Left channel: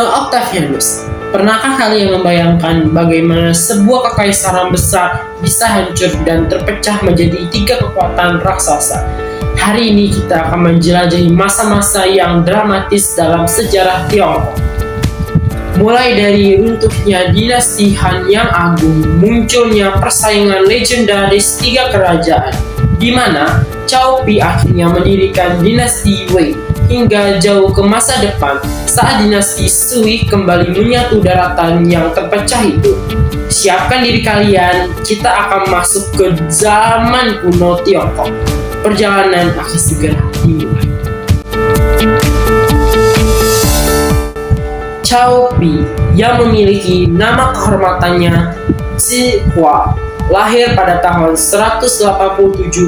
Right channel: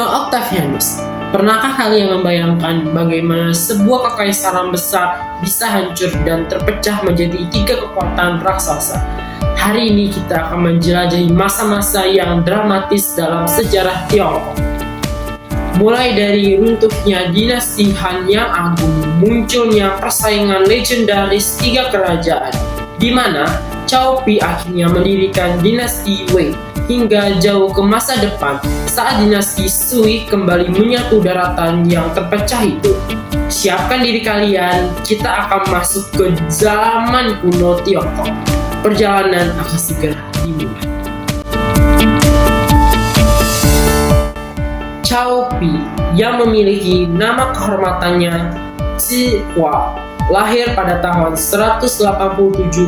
Kuno Octavianus. Pernahkah kalian membayangkan bagaimana sebuah kekaisaran besar bisa hancur dan terpecah menjadi 3 kekuatan raksasa? Hari ini kita akan menjelajahi masa-masa yang dramatis dalam sejarah Tiongkok. Mulai dari runtuhnya dinasti Han yang agung, munculnya persaingan legendaris 3 kerajaan, di mana Cao Pi akhirnya mendirikan dinasti Wei, hingga jauh ke masa depan saat dinasti Sui kembali menyatu daratan yang terpecah itu. Siapkan diri kalian, kita akan masuk ke zaman kuno Tiongkok. Perjalanan akan segera dimulai. Cao Pi yang memiliki nama kehormatannya Zhi Hua lahir pada tahun 187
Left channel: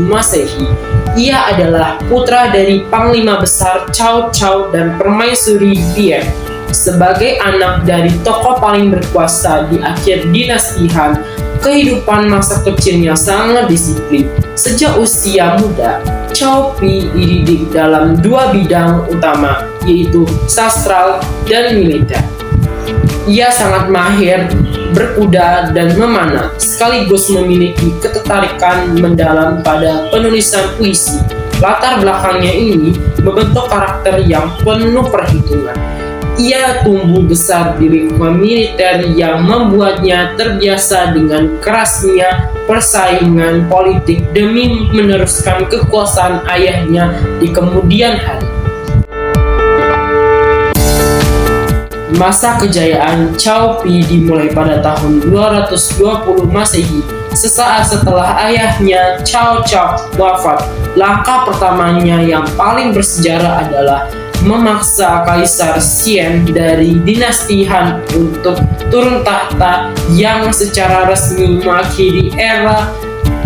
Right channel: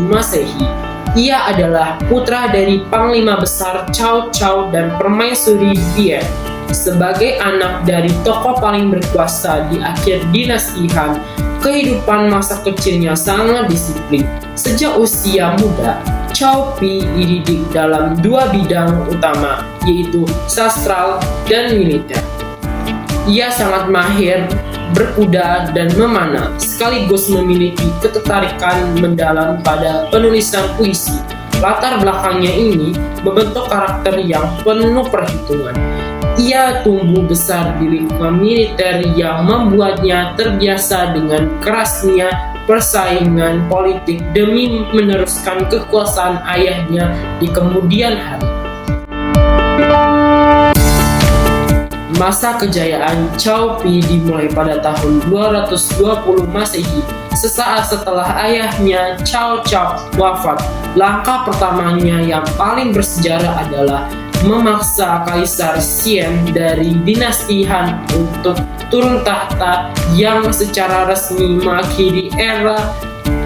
Masehi. Ia adalah putra dari Panglima Besar Cao Cao dan Permaisuri Bian. Sebagai anak dari tokoh paling berkuasa di akhir dinasti Han, kehidupan masa kecilnya sangat disiplin. Sejak usia muda, Cao Pi dididik dalam 2 bidang utama, yaitu sastra dan militer. Ia sangat mahir berkuda dan memanah, sekaligus memiliki ketertarikan mendalam pada penulisan puisi. Latar belakangnya ini membentuk karakter yang penuh perhitungan. Ia tumbuh besar di lingkungan militer yang membuatnya terbiasa dengan kerasnya persaingan politik demi meneruskan kekuasaan ayahnya di kemudian hari. Masa kejayaan Cao Pi dimulai pada tahun 220 Masehi, sesaat setelah ayahnya Cao Cao wafat. Langkah pertamanya yang paling bersejarah adalah memaksa Kaisar Xian dari dinasti Han untuk turun tahta, yang secara resmi mengakhiri era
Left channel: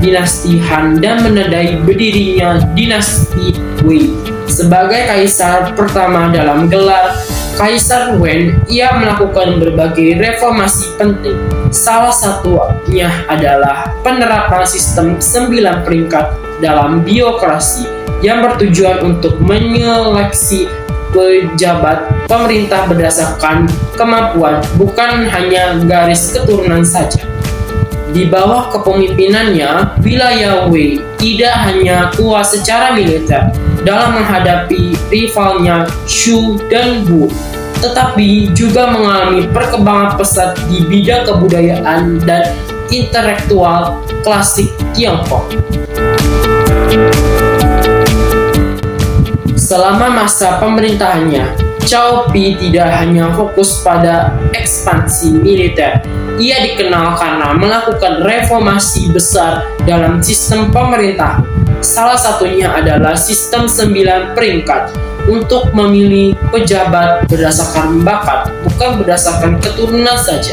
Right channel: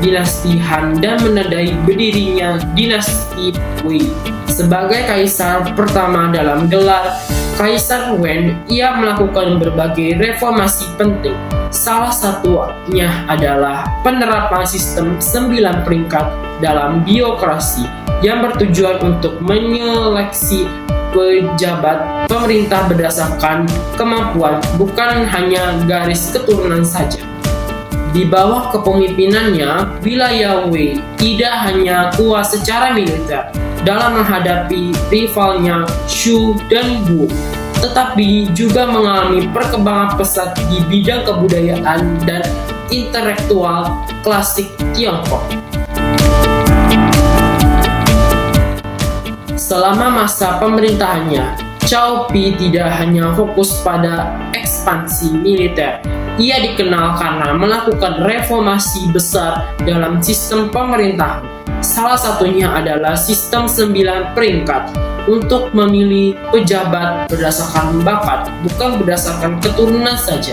dinasti Han dan menandai berdirinya dinasti Wei. Sebagai kaisar pertama dalam gelar Kaisar Wen, ia melakukan berbagai reformasi penting. Salah satunya adalah penerapan sistem 9 peringkat dalam birokrasi yang bertujuan untuk menyeleksi pejabat pemerintah berdasarkan kemampuan, bukan hanya garis keturunan saja. Di bawah kepemimpinannya, wilayah Wei tidak hanya kuat secara militer dalam menghadapi rivalnya Shu dan Wu, tetapi juga mengalami perkembangan pesat di bidang kebudayaan dan intelektual klasik Tiongkok. Selama masa pemerintahannya, Cao Pi tidak hanya fokus pada ekspansi militer. Ia dikenal karena melakukan reformasi besar dalam sistem pemerintah. Salah satunya adalah sistem 9 peringkat untuk memilih pejabat berdasarkan bakat, bukan berdasarkan keturunan saja.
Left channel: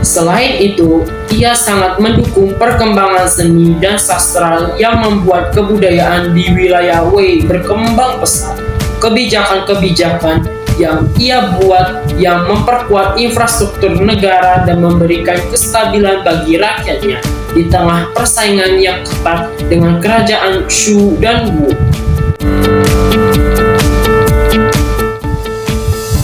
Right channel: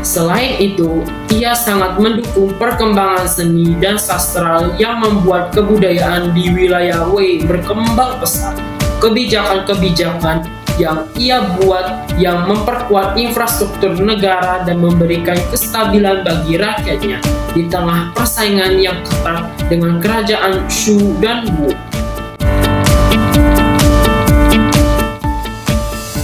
Selain itu, ia sangat mendukung perkembangan seni dan sastra yang membuat kebudayaan di wilayah Wei berkembang pesat. Kebijakan-kebijakan yang ia buat yang memperkuat infrastruktur negara dan memberikan kestabilan bagi rakyatnya di tengah persaingan yang ketat dengan kerajaan Shu dan Wu.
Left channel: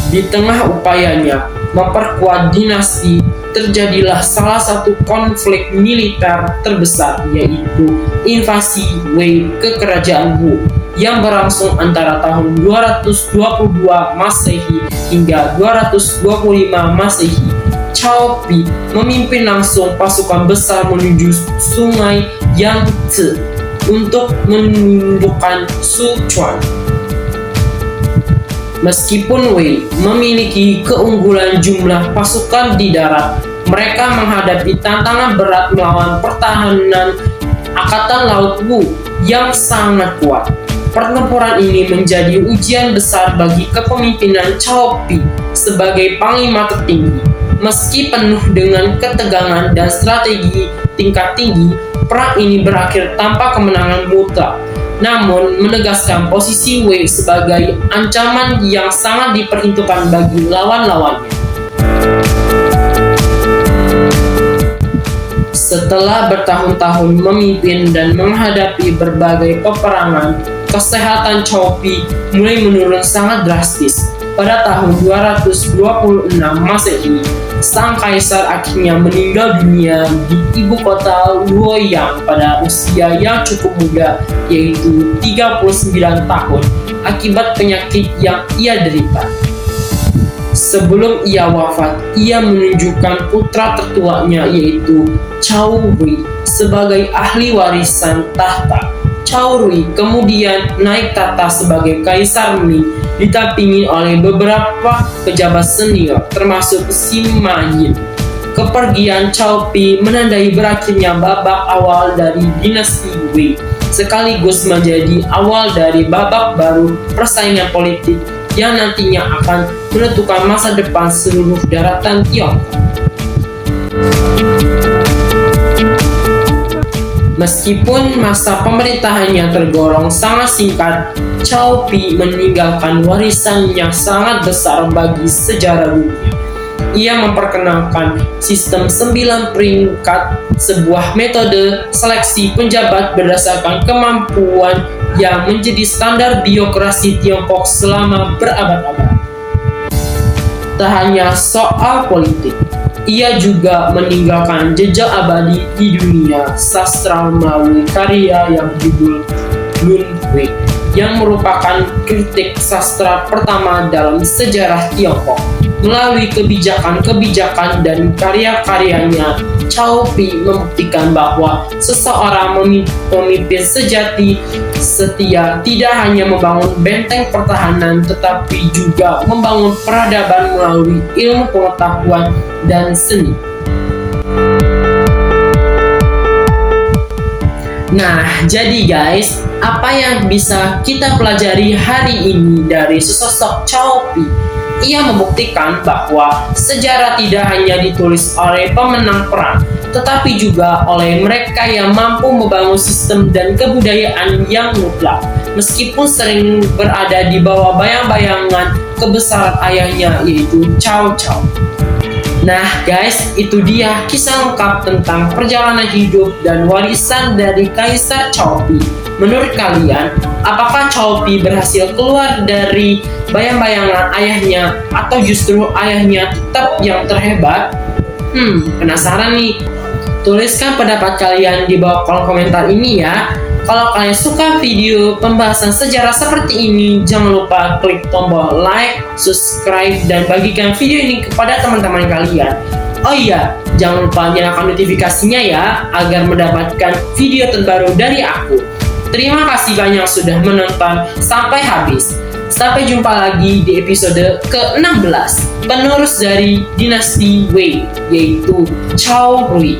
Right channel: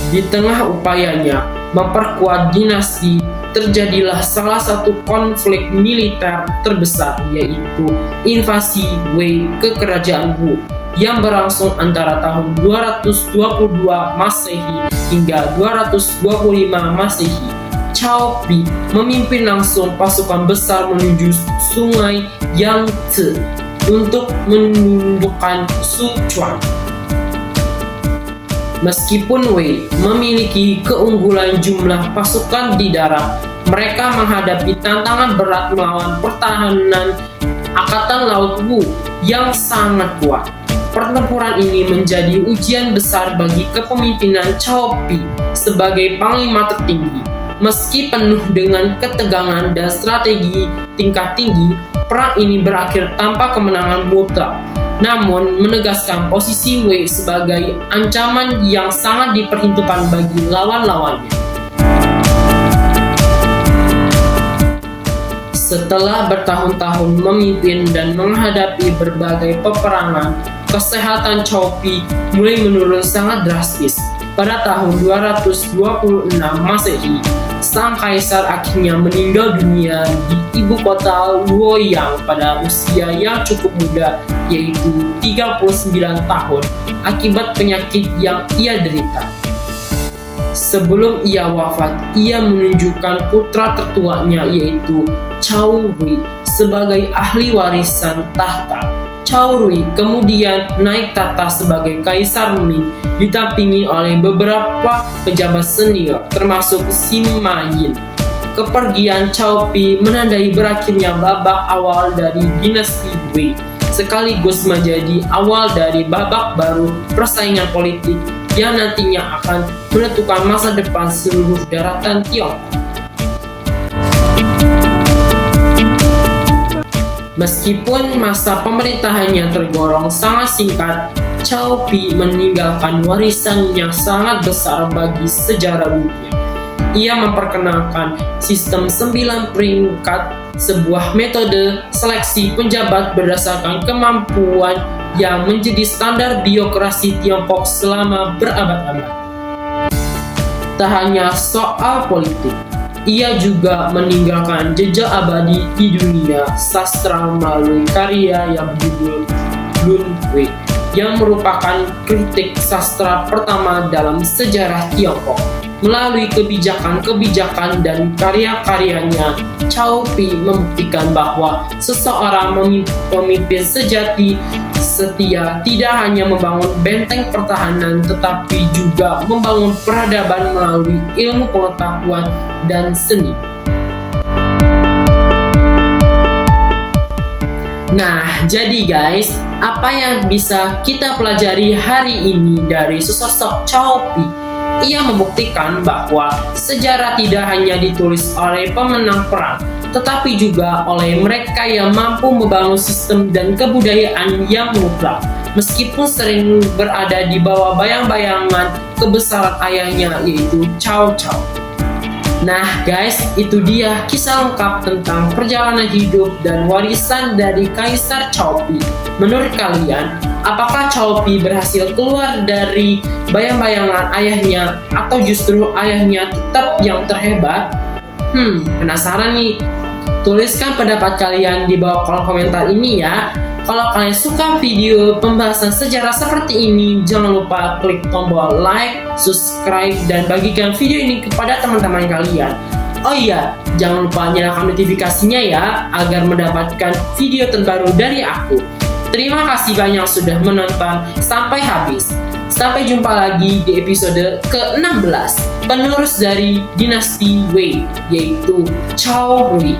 Di tengah upayanya memperkuat dinasti, terjadilah salah satu konflik militer terbesar, yaitu invasi Wei ke kerajaan Wu yang berlangsung antara tahun 222 Masehi hingga 225 Masehi. Cao Pi memimpin langsung pasukan besar menuju sungai Yangtze untuk menundukkan Sichuan. Meskipun Wei memiliki keunggulan jumlah pasukan di darat, mereka menghadapi tantangan berat melawan pertahanan Angkatan Laut Wu yang sangat kuat. Pertempuran ini menjadi ujian besar bagi kepemimpinan Cao Pi sebagai panglima tertinggi. Meski penuh dengan ketegangan dan strategi tingkat tinggi, perang ini berakhir tanpa kemenangan mutlak, namun menegaskan posisi Wei sebagai ancaman yang sangat diperhitungkan bagi lawan-lawannya. Setelah bertahun-tahun memimpin dan menghadapi berbagai peperangan, kesehatan Cao Pi mulai menurun sangat drastis. pada tahun 226 Masehi, sang kaisar akhirnya meninggal dunia di ibu kota Luoyang pada usia yang cukup muda, yaitu 39 tahun, akibat penyakit yang ia derita. Sebelum ia wafat, ia menunjukkan putra tertuanya, yaitu Cao Rui, sebagai ahli warisan tahta. Cao Rui kemudian naik tahta sebagai Kaisar Ming, didampingi oleh beberapa pejabat senior, termasuk Sima Yin. Kepergian Cao Pi menandai berakhirnya babak awal dari dinasti Wei, sekaligus menjadi awal dari babak baru persaingan politik yang nantinya akan menentukan masa depan seluruh daratan Tiongkok. Meskipun masa pemerintahannya tergolong sangat singkat, Cao Pi meninggalkan warisan yang sangat besar bagi sejarah dunia. Ia memperkenalkan sistem 9 peringkat, sebuah metode seleksi penjabat berdasarkan kemampuan yang menjadi standar birokrasi Tiongkok selama berabad-abad. Tak hanya soal politik, ia juga meninggalkan jejak abadi di dunia sastra melalui karya yang berjudul Lun Wei, yang merupakan kritik sastra pertama dalam sejarah Tiongkok. Melalui kebijakan-kebijakan dan karya-karyanya, Cao Pi membuktikan bahwa seseorang pemimpin sejati setia tidak hanya membangun benteng pertahanan, tetapi juga membangun peradaban melalui ilmu pengetahuan dan seni. Nah, jadi guys, apa yang bisa kita pelajari hari ini dari sosok Cao Pi? Ia membuktikan bahwa sejarah tidak hanya ditulis oleh pemenang perang, tetapi juga oleh mereka yang mampu membangun sistem dan kebudayaan yang mutlak, meskipun sering berada di bawah bayang-bayangan kebesaran ayahnya, yaitu Cao Cao. Nah guys, itu dia kisah lengkap tentang perjalanan hidup dan warisan dari Kaisar Cao Pi. Menurut kalian, apakah Cao Pi berhasil keluar dari bayang-bayangan ayahnya, atau justru ayahnya tetap yang terhebat? Penasaran nih? Tuliskan pendapat kalian di bawah kolom komentar ini ya. Kalau kalian suka video pembahasan sejarah seperti ini, jangan lupa klik tombol like, subscribe, dan bagikan video ini kepada teman-teman kalian. Oh iya, jangan lupa nyalakan notifikasinya ya, agar mendapatkan video terbaru dari aku. Terima kasih banyak sudah menonton sampai habis. Sampai jumpa lagi di episode ke-16, penerus dari dinasti Wei, yaitu Cao Rui.